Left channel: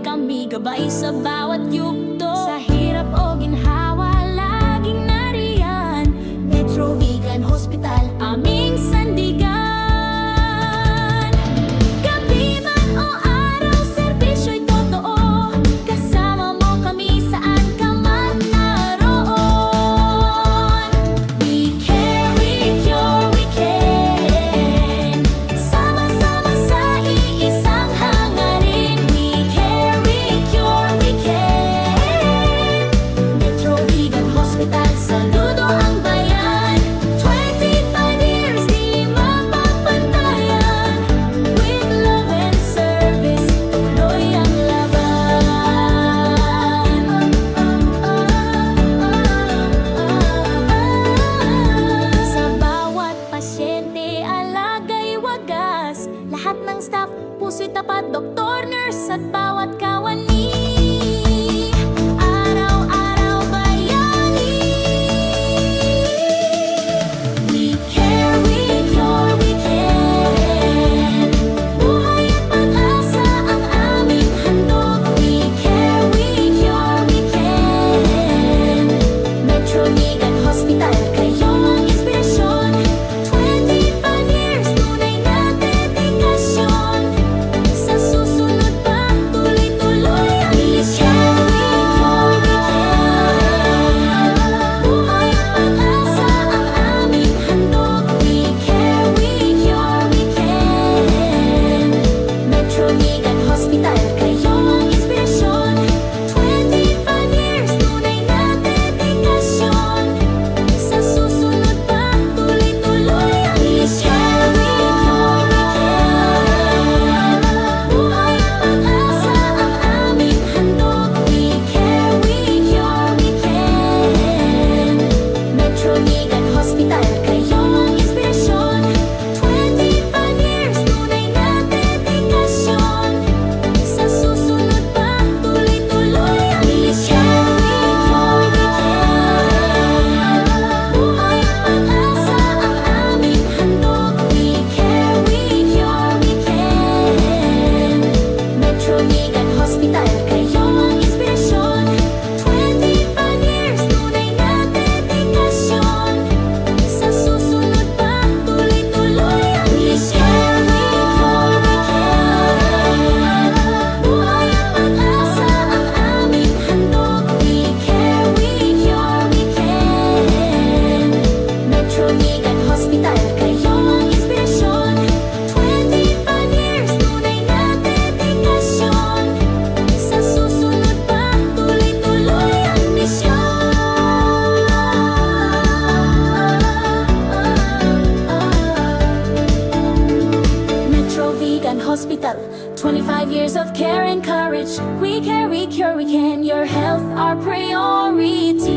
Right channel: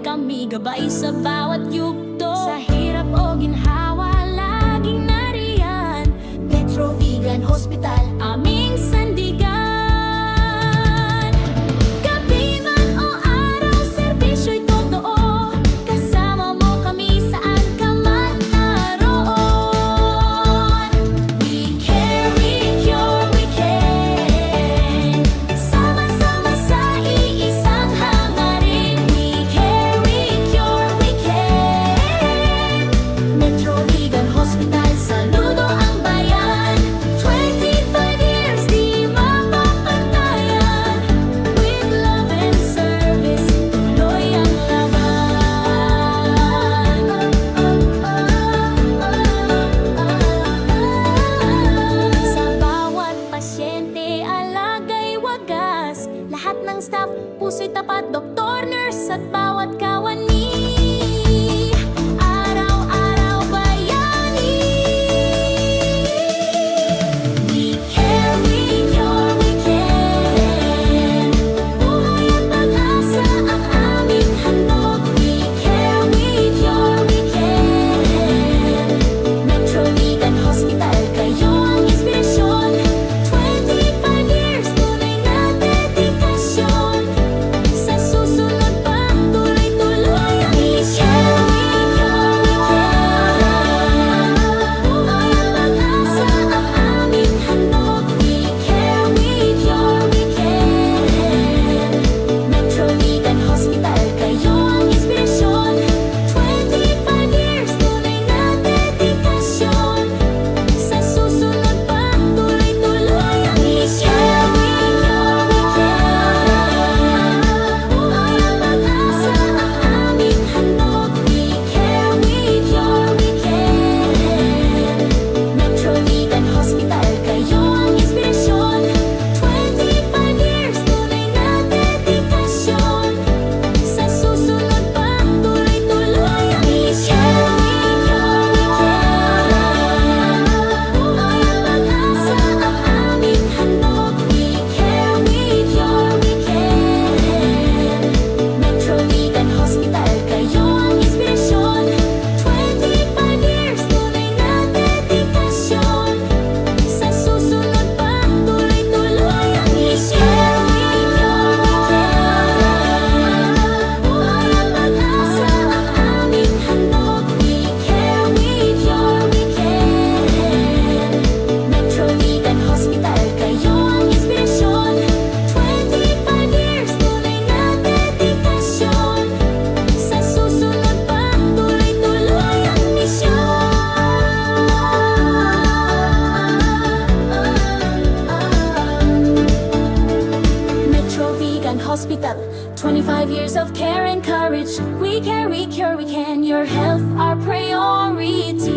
kami gabay sa bawat yugto. Sa hirap o ginhawa, laging nariyan. Metro Vegan Hospital, aming sandigan. Gabi man o araw, serbisyo'y totoo. Kasama mo kami saan ka man naroon. We care, we cure, we can. Sama-sama sa iisang hangarin. We care, we cure, we can. Metro Vegan Hospital, saludo ang bayan. 25 years, di mapapantayan. With love and service, tuloy ang laban. Sa bawat pasyente, alagay wagas. Lahat ng staff, puso'y tapat, doktor, nurse at bawat kawani. Araw-araw bayani. We care, we cure, we can. Buhay at pag-asa ang aming handog. We care, we cure, we can. Metro Vegan Hospital, kayo ang inspirasyon. 25 years, tunay na dedikasyon. Sa susunod pa, tuloy-tuloy ang misyon. We care, we can. Buhay at pag-asa ang aming handog. We care, we cure, we can. Metro Vegan Hospital, kayo ang inspirasyon. 25 years, tunay na dedikasyon. Sa susunod pa, tuloy-tuloy ang misyon. We cure, we can. Buhay at pag-asa ang aming handog. We care, we cure, we can. Metro Vegan Hospital, kayo ang inspirasyon. 25 years, tunay na dedikasyon. Sa susunod pa, tuloy-tuloy ang misyon. We cure, we can. Buhay at pag-asa ang aming handog. We care, we cure, we can. Metro Vegan Hospital, kayo ang inspirasyon. 25 years, tunay na dedikasyon. Sa susunod pa, tuloy-tuloy ang misyon. We cure, we can. Buhay at pag-asa ang aming handog. We care, we cure, we can. Metro Vegan Hospital, kayo ang inspirasyon. 25 years, tunay na dedikasyon. Sa susunod pa, tuloy-tuloy ang misyon. Metro Vegan Hospital, 25 years of care and courage. We care, we cure, we can. Your health, our priority.